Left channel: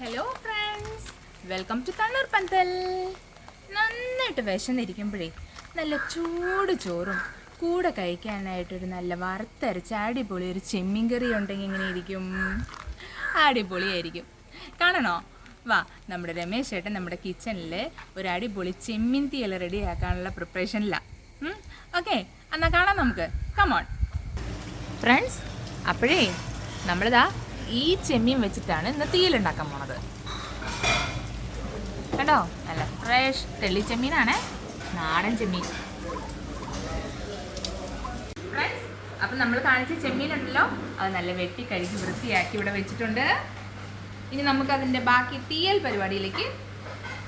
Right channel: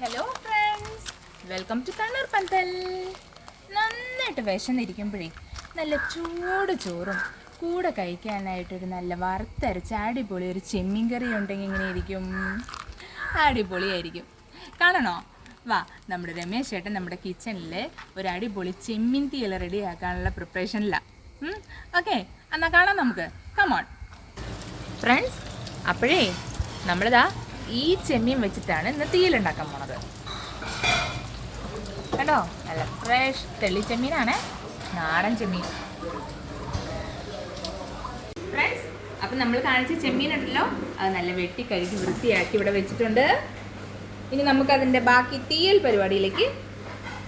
Hello friends, welcome to Kannur Pandal. നന്നായിട്ട് വിശന്നിരിക്കുമ്പോഴേ നല്ല ചൂട് ചോറും കൂടെ കഴിക്കാനായിട്ടൊരു നല്ല വറുത്തരച്ച അടിപൊളി ഒരു ചെമ്മീൻ കറി ഉണ്ടെങ്കിൽ ഇങ്ങനെ ഇരിക്കും. അടിപൊളിയായിരിക്കും. കാണണോ? വാ, നമ്മുടെ രമേശ് ചേട്ടൻ നമ്മുടെ കിച്ചണിൽ ഒരു അടിപൊളി ചെമ്മീൻ തീയൽ റെഡിയാക്കാനുള്ള പ്രിപ്പറേഷനിലാണ്. ഓക്കെ, എന്നാൽ കാണാം നമുക്ക്. Come on friends. അപ്പോഴേ നമ്മളിതാ ഈ ചെമ്മീൻ വെച്ചിട്ടാണ് ഇന്ന് തീയലുണ്ടാക്കാൻ പോണത്. കണ്ടോ, നല്ല ഫ്രഷ് തെള്ളി ചെമ്മീനാണ്, നാടൻ ചെമ്മീൻ. ഫ്രണ്ട്സ്, അപ്പം നമ്മൾ കാണിച്ച ചെമ്മീൻ ഉണ്ടല്ലോ, അത് നല്ല വെട്ടി കഴുകി വൃത്തിയാക്കി ഇവിടെ വെച്ചിട്ടുണ്ട്. ഇനി നമുക്കതിൻ്റെ ബാക്കി തീയൽ പരിപാടിയിലേക്ക്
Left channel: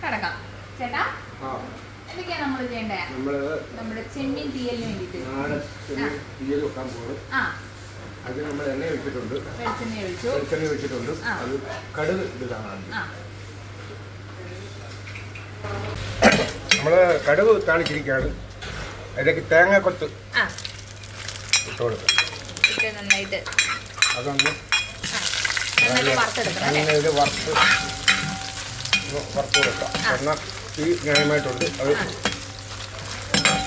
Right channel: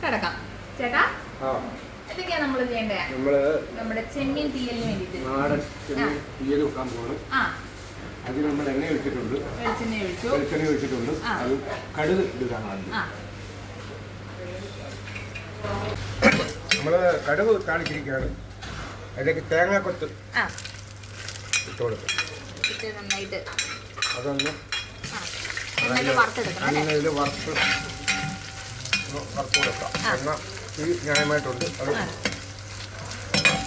കടക്കാം. ചേട്ടാ, എന്തൊക്കെയാണ് നമ്മൾ ചെയ്യേണ്ടത്? നമ്മുടെ ചെമ്മീൻ തീയലിന് വേണ്ടിയിട്ട് അതിന് നമ്മൾ എണ്ണ ഒഴിച്ചിട്ടുണ്ട്, വെളിച്ചെണ്ണ ഒഴിച്ചിട്ടുണ്ട്. അത് കടുക് ഇതാണ്. നമ്മൾ കടുക് കാണിച്ചിരിക്കുകയാണ്. അതിലേക്ക് തേങ്ങാക്കൊത്ത് ഇട്ട് കൊടുക്കും. അതൊന്ന് ഇത് വറുത്ത് കൊടുക്കാം. എണ്ണ ഈ ന്യായമായിട്ടുണ്ട്. അത്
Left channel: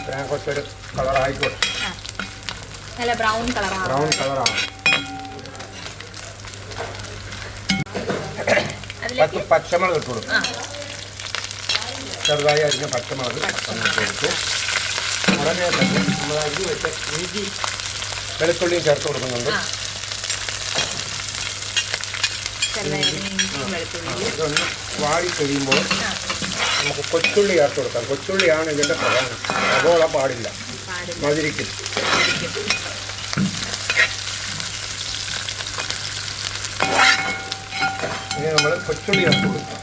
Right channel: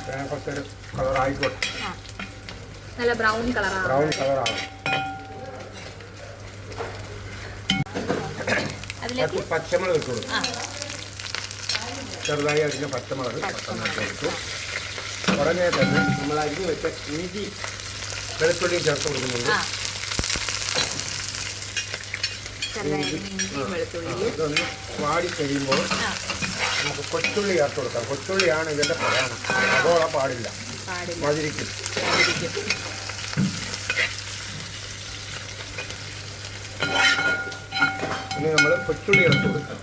തേങ്ങാക്കൊത്തൊരു കളറായിക്കോട്ടെ. നല്ല ബ്രൗൺ കളറാണ്. പച്ചമുളക് ഇട്ട് കൊടുക്കും. ചെറുതായി അരിഞ്ഞ പച്ചമുളക് കൊടുത്തു. ഉടനെ തന്നെ നമ്മൾ അരിഞ്ഞ് വെച്ച ഇഞ്ചി വെളുത്തുള്ളിയും ചേർത്ത് കൊടുക്കുന്നുണ്ട്. ഇതൊന്ന് വാടി കഴിയുമ്പോൾ നമുക്ക് കൊച്ചുള്ളി ചേർത്ത് കൊടുക്കാം. കൊച്ചുള്ളിയാണ് ഇതിൻ്റെ പ്രധാനം. അതോളം പാടില്ല, മതിരിക്കും. ഇനി നമ്മൾ കൊച്ചുള്ളി ചേർത്ത് കൊടുക്കാം.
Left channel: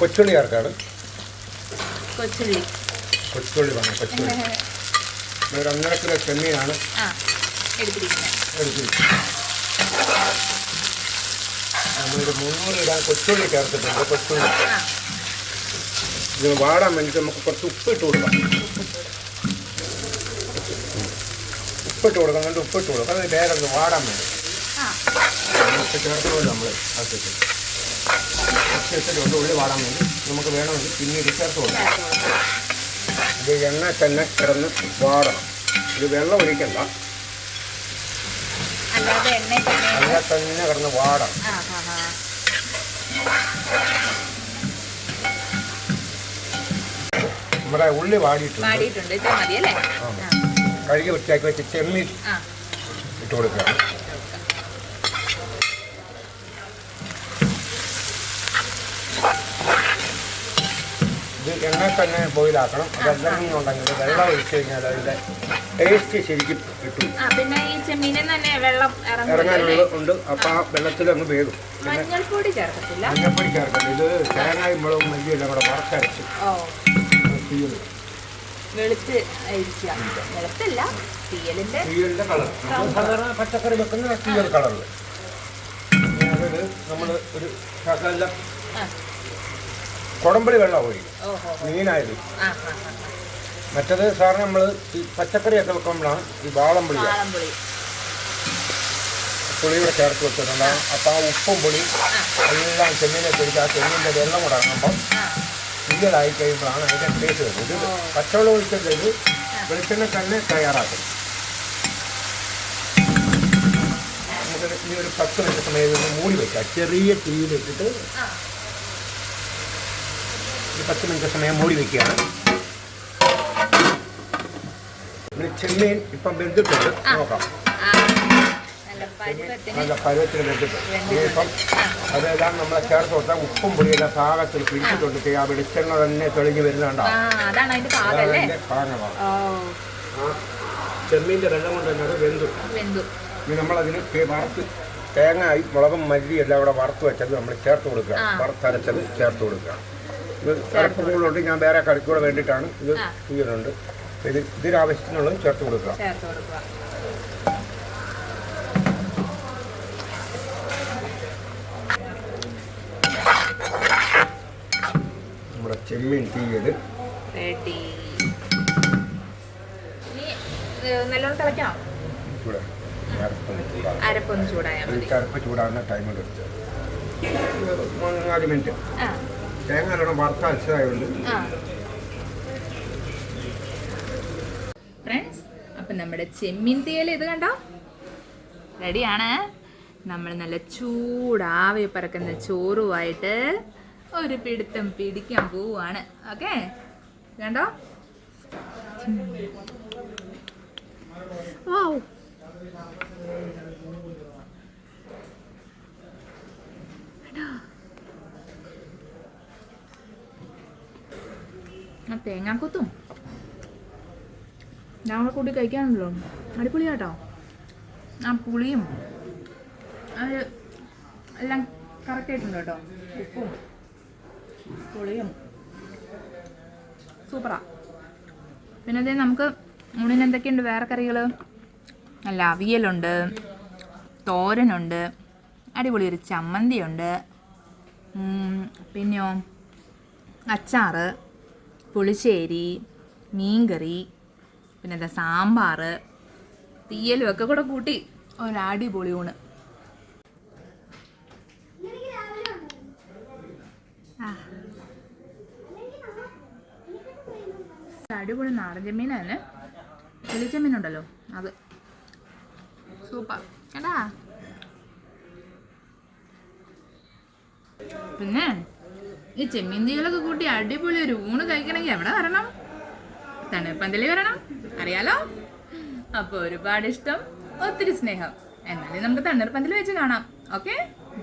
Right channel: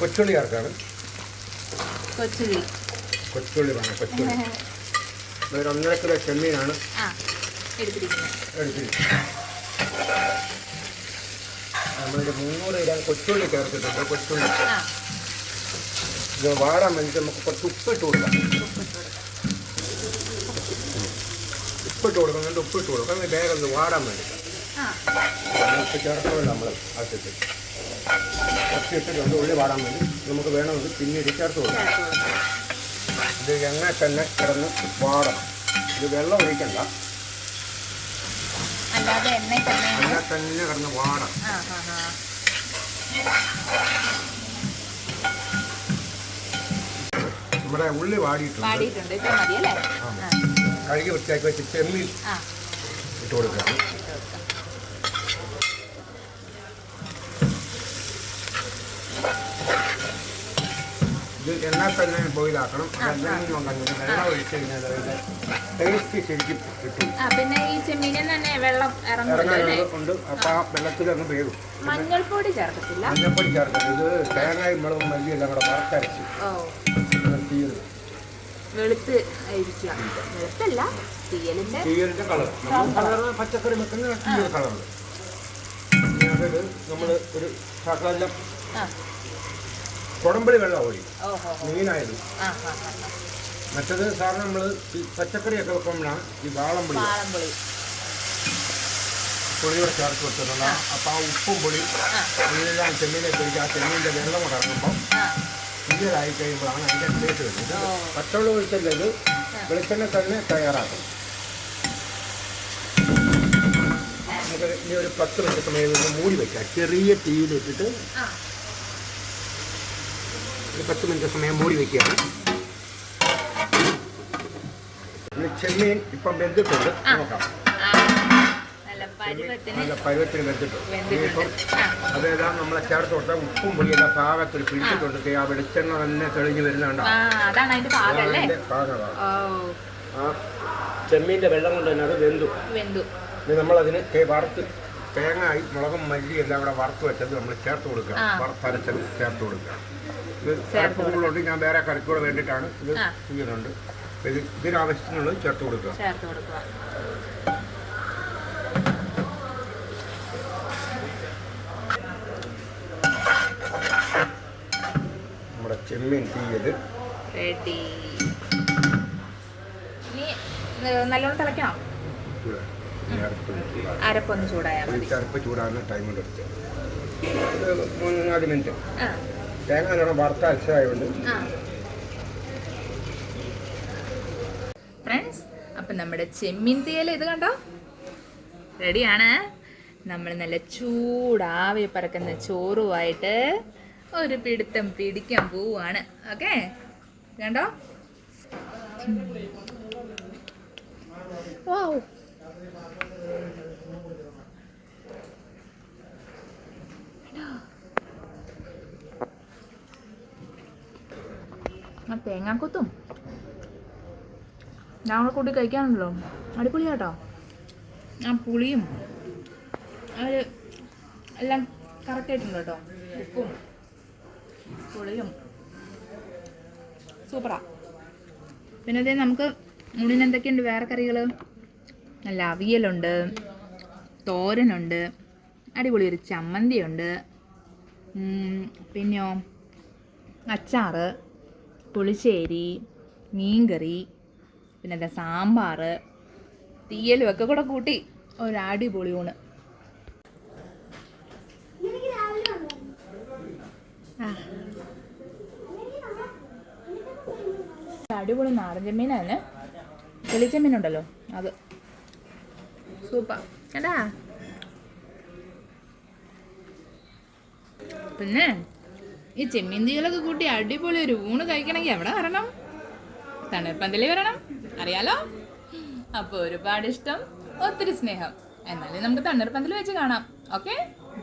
കൊച്ചുള്ളി ചേർക്കാണ്. കൊച്ചുള്ളി വേണം. കൊച്ചുള്ളി ഒരു 1.5 കിലോ ചെമ്മീനാണ് എടുത്തിരിക്കുന്നത്. നമ്മളൊരു 300 ഗ്രാം കൊച്ചുള്ളി ചേർത്തിട്ടുണ്ട്. കൊച്ചുള്ളി ഇത് വാടാൻ വേണ്ടിയിട്ട് നമുക്ക് കുറച്ച് ഉപ്പിട്ട് കൊടുക്കാം. ഉപ്പിട്ട് കൊടുക്കുന്നുണ്ട്. ഉപ്പിട്ട് കൊടുക്കാം. അത് വേറെ ഒന്ന് വാടാൻ വേണ്ടി ഉപ്പ് ചേർത്തുകൊണ്ട് നമ്മൾ ഇട്ടിട്ടുണ്ട്. ഉള്ളി വാടാൻ വേണ്ടി നമുക്ക് വേണമെങ്കിൽ പിന്നീട് ചേർത്ത് കൊടുക്കാം. ഇത് എണ്ണ തന്നെ കിടന്ന് വാടണം. ഇത് വെള്ളം ഒഴിക്കണ്ട, എണ്ണ തന്നെ കിടന്ന് വാടണം. നമ്മുടെ ഉള്ളി വാടിയിട്ടുണ്ട്. കഴുകി വൃത്തിയാക്കി വെച്ച് ചെമ്മീൻ ഇട്ട് കൊടുക്കുകയാണ്. ഇത് എണ്ണ തന്നെ ബോയിലാക്കണം. അതെല്ലാം ഉണ്ടെങ്കിൽ വെള്ളം ഒഴിച്ച് കഴിഞ്ഞാൽ അതിൻ്റെ ടേസ്റ്റ് ശരിക്കും കിട്ടും. പിന്നെ ഈ ചെമ്മീനിൽ തന്നെ വെള്ളം ഇറങ്ങാനുണ്ട്. അപ്പം ആ വെള്ളത്തിൽ അങ്ങ് വേകും. മഞ്ഞൾപ്പൊടി ചേർക്കത്തില്ല. മഞ്ഞൾപ്പൊടി ചേർക്കത്തില്ല. ഇത് തേങ്ങയും മുളകും മല്ലിയെല്ലാം കൂടെ വറുത്തരച്ച് തീയലിൻ്റെ കളർ. സാധാരണ പച്ചക്കറി വെക്കുന്ന തീയൽ കളറിൽ അതിൽ നമ്മൾ ഒരു ശകലം കുടമ്പടി വെള്ളം ഒഴിക്കും മീനായാലും. മറ്റത് സാറിന് നമ്മൾ ഈ പച്ചക്കറിയൊക്കെ വെക്കുമ്പോഴാണ് ഈ വാളംപുളി പുളിയുടെ ചേർത്ത് വെച്ചിട്ടുണ്ട്. അപ്പോൾ ആ ഉപ്പും പുളി എല്ലാം ചെമ്മീനെ പിടിച്ച് ആ ചെമ്മീൻ്റെ വെള്ളം കൂടെ ഇറങ്ങുമ്പം തീയലായി കഴിയുമ്പോഴാണ് അതിൻ്റെ ടേസ്റ്റ് വരുന്നത്. ഇത് പച്ചവെള്ളം ഒഴിച്ചിട്ട് ഇത് വെളിച്ചെണ്ണ തന്നെ തയ്യാറാക്കും. നമുക്ക് ഇനി ഒരു 10 മിനിറ്റ് സമയം മൂടി വെക്കാം. ചെറിയ തീയിലിട്ടിട്ട് 10 മിനിറ്റ് സമയം മൂടി വയ്ക്കുകയാണ്. പിന്നെ ചെമ്മീൻ ഇപ്പം വെന്തിട്ടുണ്ട്. നോക്കാം. നല്ല പരുവത്തിന് വെന്തിട്ടുണ്ട്. ഇപ്പം അതെല്ലാം നമ്മളെ ചേർത്ത് കൊടുത്താൽ ഉപ്പും പൊടിയെല്ലാം പാകത്തിൽ പിടിച്ചിട്ടുണ്ട്. ആ വെളിച്ചെണ്ണ തന്നെ തെളിഞ്ഞ് വരുന്നുണ്ടോ? പാകമാണ്. ആ ചെമ്മീൻ്റെ വെള്ളം കൊണ്ട് തന്നെ അത് വെന്തു. ഇനി നമ്മളതിന് വറുത്ത് തേങ്ങായി മുളകും മല്ലി എല്ലാം കൂടെ വറുത്ത് വെച്ചത് നമ്മൾ ചേർത്ത് കൊടുക്കുക. വറുത്തരച്ചത് ചേർത്ത് കൊടുക്കുക. ഇത് കറിക്കുള്ളുണ്ട്. ഞാൻ വേറെ കറിക്കൂടെ വേണ്ടിയിട്ടാണ് ഇത് ചെയ്യുന്നുണ്ട്. ഇതിനാവശ്യത്തിനുള്ളത് ചേർത്ത് കൊടുക്കുക. നമ്മുടെ ചെമ്മീൻ തീയൽ നല്ലോണം തിളയ്ക്കാം. അരപ്പൊന്ന് ചൂടായാൽ മതി. അരപ്പ് ചൂടാകുന്ന ടൈമിൽ 3-4 മിനിറ്റ് തേങ്ങ നല്ലോണം വറുത്ത അരച്ചതായതുകൊണ്ട്. ഫ്രണ്ട്സ്, അപ്പം നമ്മുടെ ചെമ്മീൻ തീയൽ ഇത് കണ്ടോ റെഡിയാണ്. നമ്മൾ നല്ല ചൂടാവി പറക്കുന്ന ചോറുമായിട്ട് ഒരു പിടുത്തം പിടിക്കാൻ പോവാണ്. ഓക്കെ, കണ്ടോ? വാവ്, ആ തേങ്ങാക്കൊത്തും ഞങ്ങൾ കൂട്ടി കഴിക്കാനുണ്ടല്ലോ, അടിപൊളിയാട്ടോ. ആ പുളിയും ഒരു എല്ലാം കറക്റ്റായിട്ടുണ്ട് കേട്ടോ. ഉപ്പും പുളിയും സൂപ്പറാ. പിന്നെ അതേ നമുക്ക് ഊണിന് എന്തൊക്കെയുണ്ട് വേറെ കറികൾ? നല്ല അവിയലുണ്ട്, തോരനുണ്ട്, അടിപൊളി ഒരു ചമ്മന്തിയുണ്ട്, പിന്നെയോ അച്ചാറ്, പുളിശ്ശേരി, മീൻകറി, പിന്നെ എന്താ സാമ്പാർ, തീയലും ഒക്കെ കൂടെ കൂട്ടി ഒരു അടിപൊളി ഊണ്. അടിപൊളി നാടൻ ചെമ്മീനാണ്. ചെമ്മീനുണ്ടല്ലോ അത് സൂപ്പർ കേട്ടാ. പിന്നെ ഈ ചെമ്മീൻ തീയലൊക്കെ കൂട്ടി അടിപൊളി ഒരു ഊണ് കഴിക്കണമെങ്കിൽ എവിടെ വരണം? തണ്ണീർപ്പന്തലിൽ വരണം, അറിയാലോ. അപ്പോൾ ഒരുപാട് ഇഷ്ടം, ഒത്തിരി സ്നേഹം. എന്നാലും നമുക്ക് തണ്ണീർപ്പന്തലിൽ വെച്ച് കാണാം. Okay,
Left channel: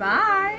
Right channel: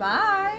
by.